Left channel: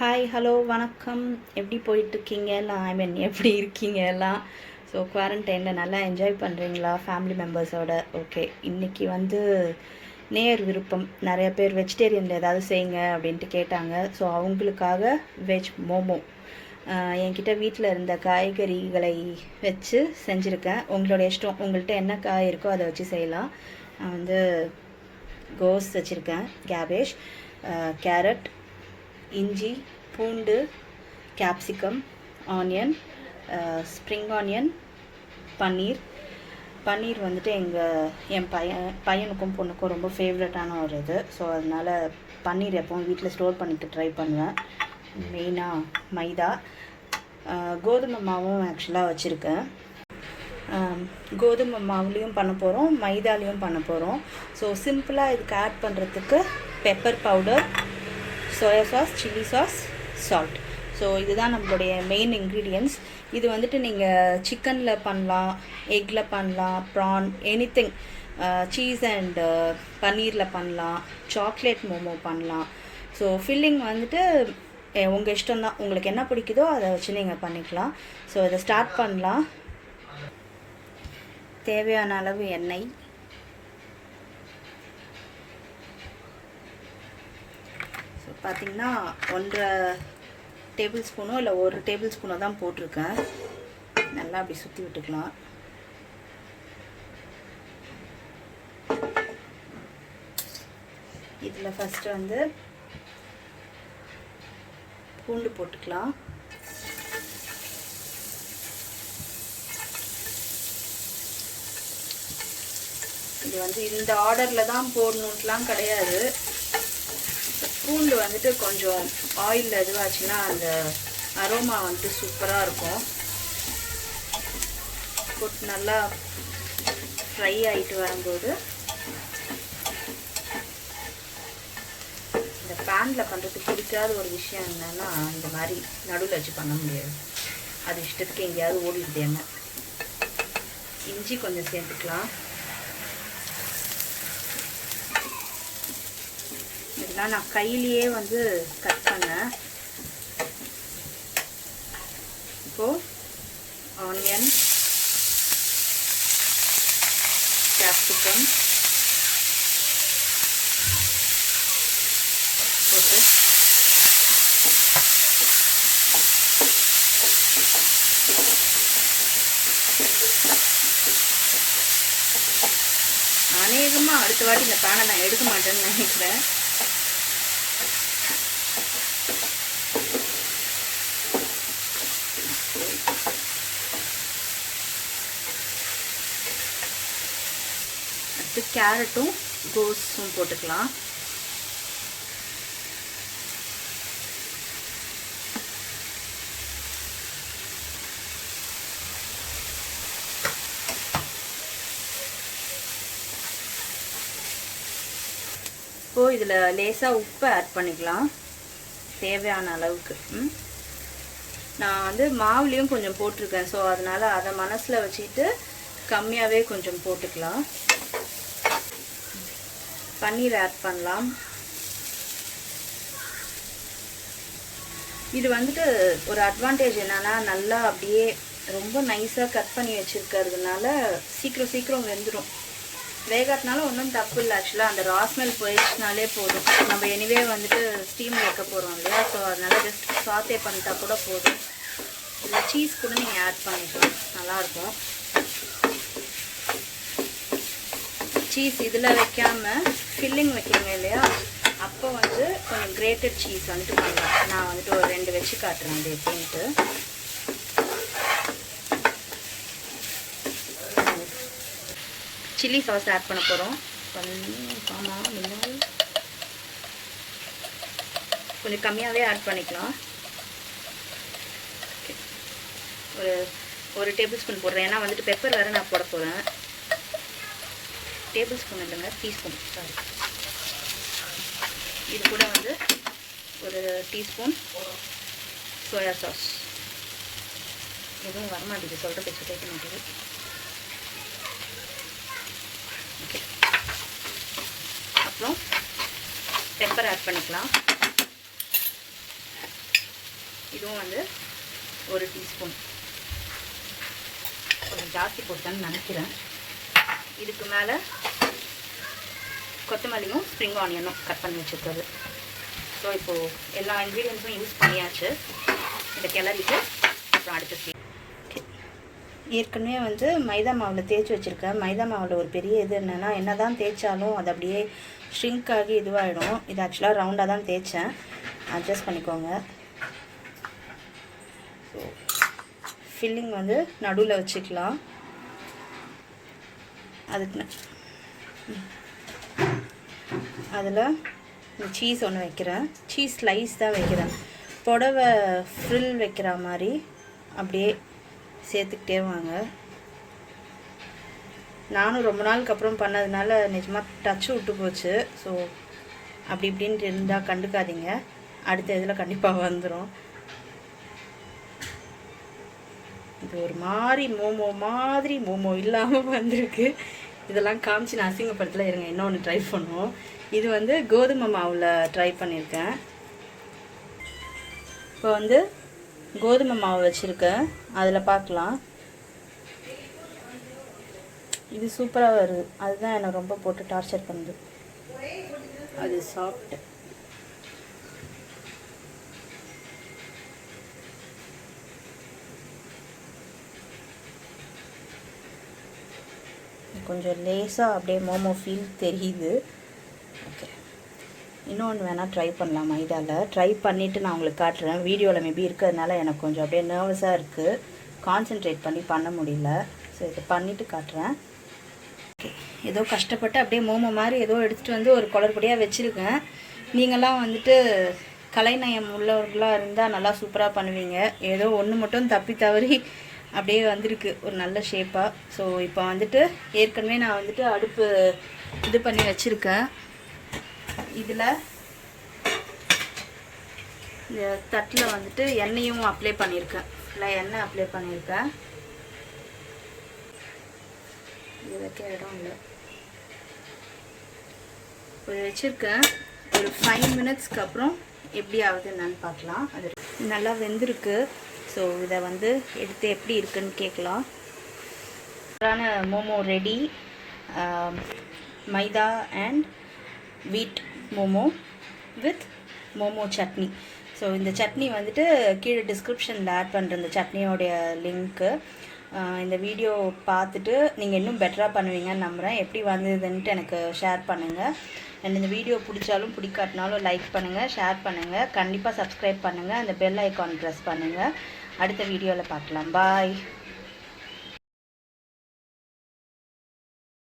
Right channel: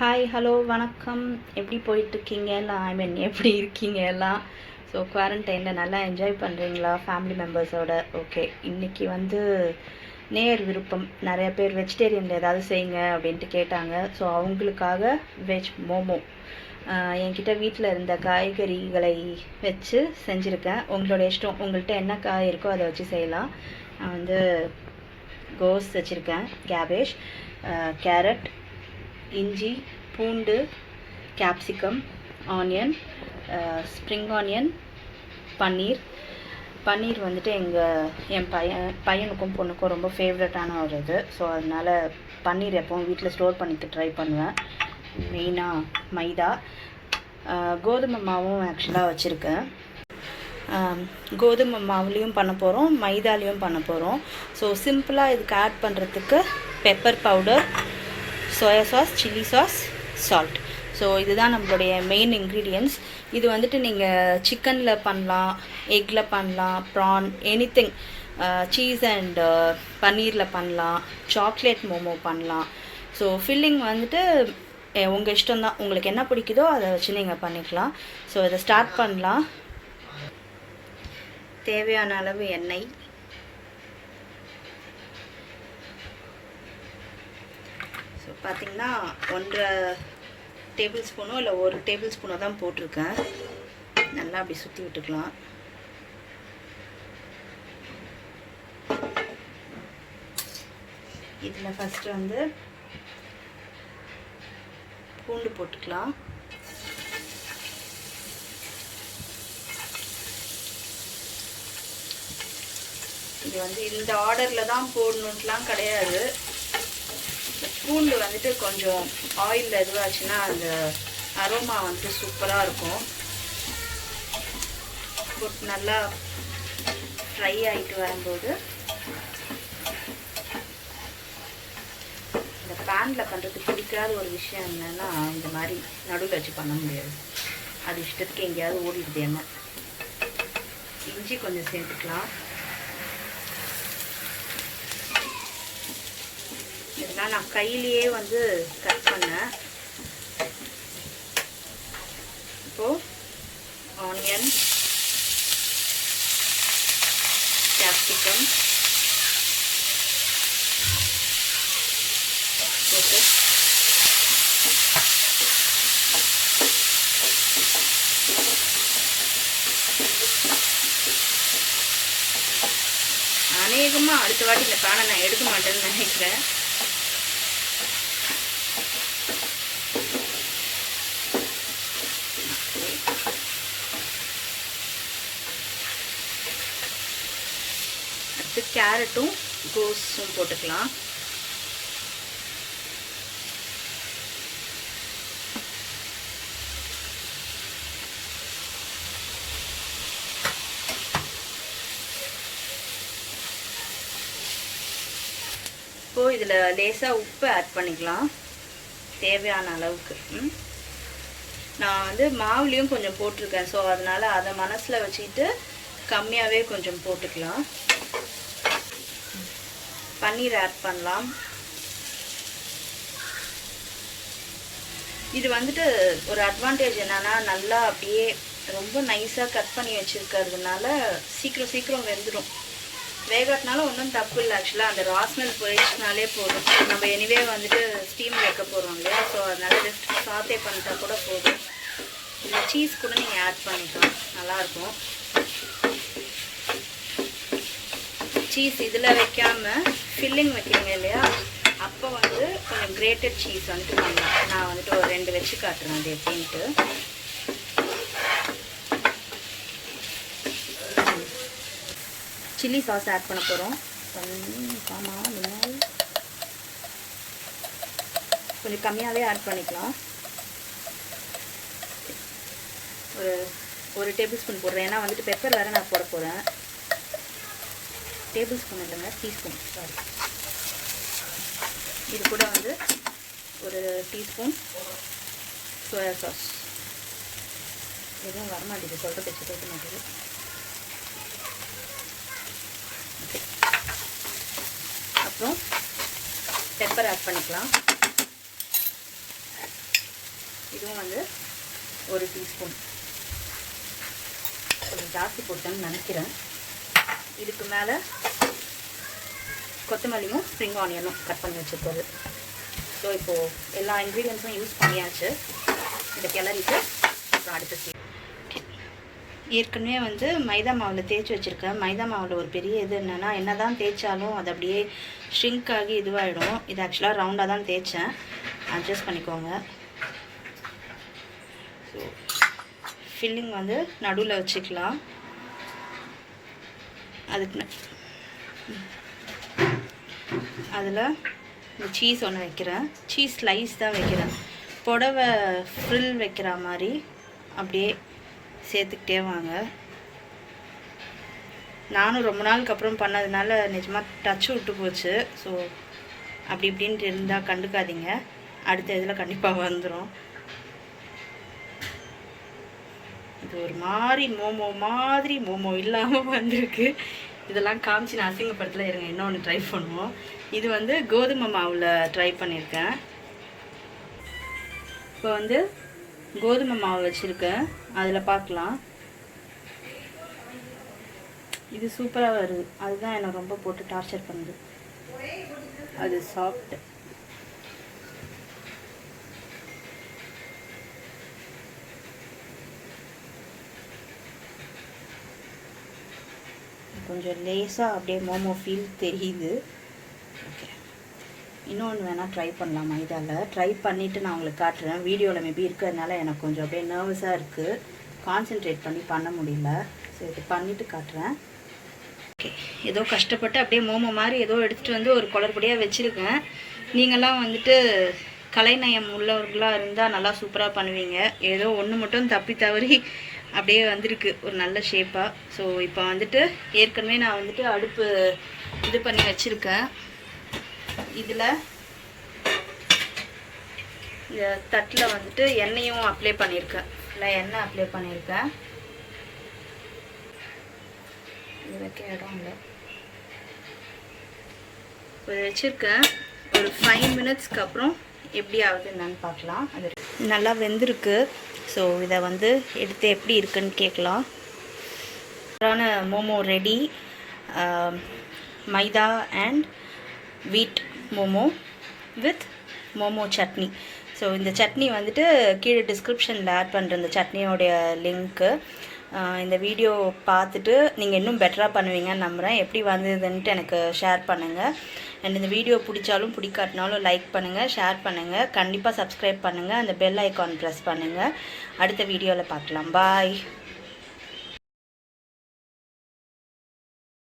Hi hello வணக்கம். எப்படி போயிட்டுருக்கீங்க எல்லாம்? எப்படி இருக்கீங்க எல்லாம்? ஸோ குவாரண்டைனில் நல்லா என்ஜாய் பண்ணுறீங்களா ஃபேமிலி மெம்பர்ஸோட? ஓகே, இன்றைக்கி வந்து நேர் விருப்பம். நிறைய பேர் வெஜிடேரியனில் ஏதாவது செய்யுங்க அப்படின்ட்டு கேட்டாங்க. ஸோ அவங்களுக்காக வெஜ் மோமோ என்கிட்ட வீட்டில் இருந்த காய்கறிகளை வச்சு செஞ்சுருக்கேன். உங்களோட இஷ்டம், உங்கள்கிட்ட என்ன காய் இருக்கோ அதை வச்சு செய்யலாம். நான் வந்து கோஸ் வச்சுருக்கேன், கேபேஜ், கேரட், இஞ்சி, பூண்டு, கேப்சிகம், ஆனியன், ஸ்ப்ரிங் ஆனியன், பன்னீர் வந்துட்டு என் பையனுக்கும் பொண்ணுக்கும் ரொம்ப ஃபேவரட்டான ஒரு இது. ஸோ அதனால் பன்னீர் எப்போவும் வீட்டில் ஸ்டோர் பண்ணிக்க ட்ரை பண்ணுவேன். மெயினாக மைதா, கோதுமை மாவும் ஆக்சுவலாக வச்சுருக்கேன். கோதுமை மாவுலேயும் பண்ண போகிறோம், மைதாலேயும் பண்ண போகிறோம். ஸோ சிம்பிளாக இதுக்கு ஆட் பண்ணுறதுக்கு pepper powder, soya sauce, chilli sauce, salt. So இதுதான் நம்மளுடைய மெயின் இன்க்ரீடியன்ட்ஸ். இது வந்துட்டு நீங்கள் சிக்கனில் பண்ணலாம், எக்கில் பண்ணலாம், ப்ரான், எனிதிங், சீஸ் அண்ட் பன்னீரில் பண்ணலாம், சாக்லேட் மோமோ பண்ணலாம். ஸோ ஃபில்லிங் வந்துட்டு உங்கள் இஷ்டம்தான், உங்களுக்கு என்ன பிடிக்குதோ அதை வச்சு நீங்கள் பண்ணிக்கலாம். ஸோ இதை ஸ்டார்ட் பண்ணலாம். தேவையான அளவு எண்ணெய், பார்த்திங்கன்னா 1.5 டேபிள் ஸ்பூனோ இல்லை 1 டேபிள் ஸ்பூனோ தான் போட்டிருக்கேன். நல்லா அப்படி சுற்றி விட்டுக்கலாம். இதில் ஃபஸ்ட்டு வந்து பூண்டு போட்டுக்கலாம். இது வந்து இந்த ஆர்டரில் தான் போடணுன்ட்டுலாம் கிடையாது. பூண்டு வந்துட்டு கொஞ்சம் ஆயிலில் இதுவாச்சுன்னா அந்த அரோமா வந்துட்டு சூப்பராக இருக்கும். போட்டு நல்லா ஃப்ரை ஆகிட்டு வரும்போது இந்த பேனில் பண்ணுறதுக்கு பிடிக்காத ஒரு விஷயம் என்னென்னா, இந்த மாதிரி நடுவில் வச்சு பண்ண முடியாது. அது இஷ்டத்துக்கு எங்கேயாவது ஓடிடுது என்ன. இஞ்சி கொஞ்சம் சேர்த்துக்கலாம். இதெல்லாம் நான் கையிலேயே வந்து கட் பண்ணேன். இப்போது ஆனியன், கேப்சிகம் போட்டு அநேகமாக அடுத்த வாட்டி இந்த பேனை நான் எடுக்க மாட்டேன்னு நினைக்கிறேன். கேரட்டும் கோஸும் போட்டுக்கலாம். இப்போ இதில் லேசாக உப்பு ஆட் பண்ணிக்கலாம் தேவையான அளவுக்கு. நான் வந்து மாவுலேயும் கொஞ்சம் போட்டிருக்கேன். ஸோ அதனால் அதை மனசில் வச்சுக்கிட்டு கம்மியாகவே கொஞ்சம் போட்டுக்கலாம். பன்னீர் ஆட் பண்ணலாம். இது வந்துட்டு ஒரு அட்வான்டேஜ் என்னன்னா, நல்லா அப்படியே ரொம்ப நைஸாக கட் பண்ணி வச்சுருக்கிறதுனால சீக்கிரம் வெந்துடும். வேகத்தினால ஒன்றும் தப்பு இல்லை. ஆக்சுவலாக அந்த ராஸ்மெல் போயிடுச்சுனாலே போதும். நம்ம எனிவே வந்துட்டு ஸ்டீம் வைக்க போகிறோம் இல்லையா? ஸோ அதனால் ஜஸ்ட் சாத்தே பண்ணிட்டா கூட போதும். இல்லை சீஸ் கூட நீங்கள் ஆட் பண்ணிக்கலாம், நல்லாயிருக்கும். சீஸ் இதில் வைக்காமல் ஃபில்லிங் வைக்கிறீங்க இல்லையா, அப்போ வந்து கொஞ்சம் கிரேட்டட் சீஸ் வந்துட்டு பண்ணலாம். நான் வந்துட்டு ஒரு 2 வச்சு காட்டுறேன் அது எப்படின்ட்டு. சில்லி சாஸ் ஆட் பண்ண போகிறோம். கொஞ்சம் கம்மியாகவே ஆட் பண்ணிக்கலாம். ஒரு டேபிள் ஸ்பூன் போடுறேன், ஏன்னா வந்துட்டு பெப்பர் வேறு நான் போட போகிறேன். டேபிள் ஸ்பூன் இல்லைங்க, டீஸ்பூன், சாரி. இது கூட வந்து ஒரு டீஸ்பூன் சோயா சாஸ். எதுவும் வரமாட்டேங்குது, சொல்கிற பேச்சு கேட்க மாட்டேங்குது. ஓகே, அப்புறம் பெப்பர் ஆட் பண்ணிக்கலாம். இதுவும் வந்து 1 டீஸ்பூன். கொஞ்சம் ஜாஸ்தி போட்டேன்னு நினைக்கிறேன். இதுக்கு மேலே கொத்தமல்லியும் ஸ்ப்ரிங் ஆனியனும் கட் பண்ணி வச்சுருக்கிறது. ஸோ இப்போது எல்லா இன்க்ரீடியன்ஸும் யூஸ் பண்ணியாச்சு. இதை கிளறிட்டு அப்புறம் அடுத்த ஏற்கனவே வந்து மைதா மாவில் தேய்ச்சி வச்சுருக்கேன். மைதா மாவில் ஒரு பெரிய இது என்னென்னா, என்ன தான் தேய்ச்சாலும் அது அப்படியே ஷ்ரிங்க் ஆகி இதுவாகிடும். இது ஆக்சுவலாக ரவுண்டாக தான் தேய்ச்சேன், அட்ஜஸ்ட் பண்ணிக்கோங்க. ஸோ ஃபில்லிங் வந்து நடுவில் வச்சுக்கலாம். அதுக்கு அதில் இந்த சீஸ் ஒன்று வைக்கிறேன். சீஸ் ஸ்லைஸ் தான் வைக்கிறேன். புடவை ஃப்ரில் வைக்கிற மாதிரி அப்படியே சேர்த்துக்கிட்டே வாங்க. நானும் ரொம்ப நாளுக்கு அப்புறம் பண்ணதுனால நிஜமாக டச்சு விட்டு போச்சு. ஸோ அப்படி இப்படின்ட்டு இருந்தால் கண்டுக்காதீங்க, அடுத்த இதில் கண்டிப்பாக வந்துடும். இது ஒரு மாதிரி மோமோ இல்லாமல் வந்திருக்கு. இதெல்லாம் காமிச்சு நான் அசிங்கப்படத்தில் இருங்க, இன்னொன்று ட்ரை பண்ணுவோம். இது வந்து கோதுமை மாவில் ட்ரை பண்ணியிருக்கேன். இப்போ வந்து கோதுமை மாவு வச்சுருக்கேன், அதில் பார்க்கலாம். இது சூப்பராக வருது. அதுதான் என்னை ரொம்ப போட்டு டார்ச்சர் பண்ணுது. அது சாஃப்ட். கொஞ்சம் லேசாக அப்படியே மோமோ ஃபீல் தெரியுது. ஓகே, இன்னொன்று வேணால் ட்ரை பண்ணலாம். மைதாவில் ட்ரை பண்ணிவிட்டு நான் உங்களுக்கு காட்டுறேன். வீடியோவில் மேபி இருக்கிறதுனால எனக்கு கொஞ்சம் அப்படியே நர்வஸாக இருக்குது, கான்சென்ட்ரேட் பண்ண முடியல. ஸோ இது பண்ணிவிட்டு காட்டுறேன். ஓகே, ஏதோ கஷ்டப்பட்டு அப்படியே மோமோ மாதிரி ஏதோ எடுத்துகிட்டு வந்து ஒரு குளறுபடியாக வச்சுருக்கேன். நீங்களாம் வந்துட்டு கலைநயம் உள்ளவர்களாக இருந்தால் நல்லா சூப்பராக பண்ணுவீங்க. ஏதோ ஒன்று மட்டும் தப்பி தவறி அப்படியே வந்திருக்கு ஒரு நல்ல ஷேப்பாக. ஸோ இப்போ வந்துட்டு ஏற்கனவே நான் வந்துட்டு அடுப்பு இது பண்ணி வச்சுருக்கேன். இதில் இந்த தட்டில் வந்துட்டு எண்ணெயும் அப்ளை பண்ணியிருக்கேன். இல்லை எண்ணெய் அப்ளை பண்ணியிருக்கேன். இது வைக்க இடம் இல்லை. ஒரு வச்சுருக்கேன். ஒரு 5 மினிட்ஸ்க்கு அப்புறம் எப்படி ஆகுது என்னன்னு பார்க்கலாம். அது நல்லா வெந்திருக்கு. ஸோ இதை வந்து எடுத்து எப்படி இருக்குன்னு கேட்கலாம். மோமோ ரெடி. மைதா அண்ட் வீட் மோமோ வித் மோமோ சட்னி. ஸோ இந்த சட்னி வந்துட்டு கீழே டிஸ்கிரிப்ஷனில் ஆட் பண்ணுற இந்த சட்னியோடைய லிங்க்கு. இந்த வீடியோ பார்த்துட்டு நீங்கள் இன்னும் பெட்டராக பண்ணுவீங்கன்னு நம்புகிறேன். எப்படி வந்ததுன்ட்டு எனக்கு ஷேர் பண்ணுங்கள். அண்ட் இந்த வீடியோ பிடிச்சாலும் பிடிக்காட்டினாலும் லைக் பண்ணுங்கள், ஷேர் பண்ணுங்கள், கண்டிப்பாக சப்ஸ்கிரைப் பண்ணுங்கள், அந்த பெல் ஐக்கான் ப்ரெஸ் பண்ணுங்கள். அடுத்த வீடியோவில் பார்க்கலாம். பாய்.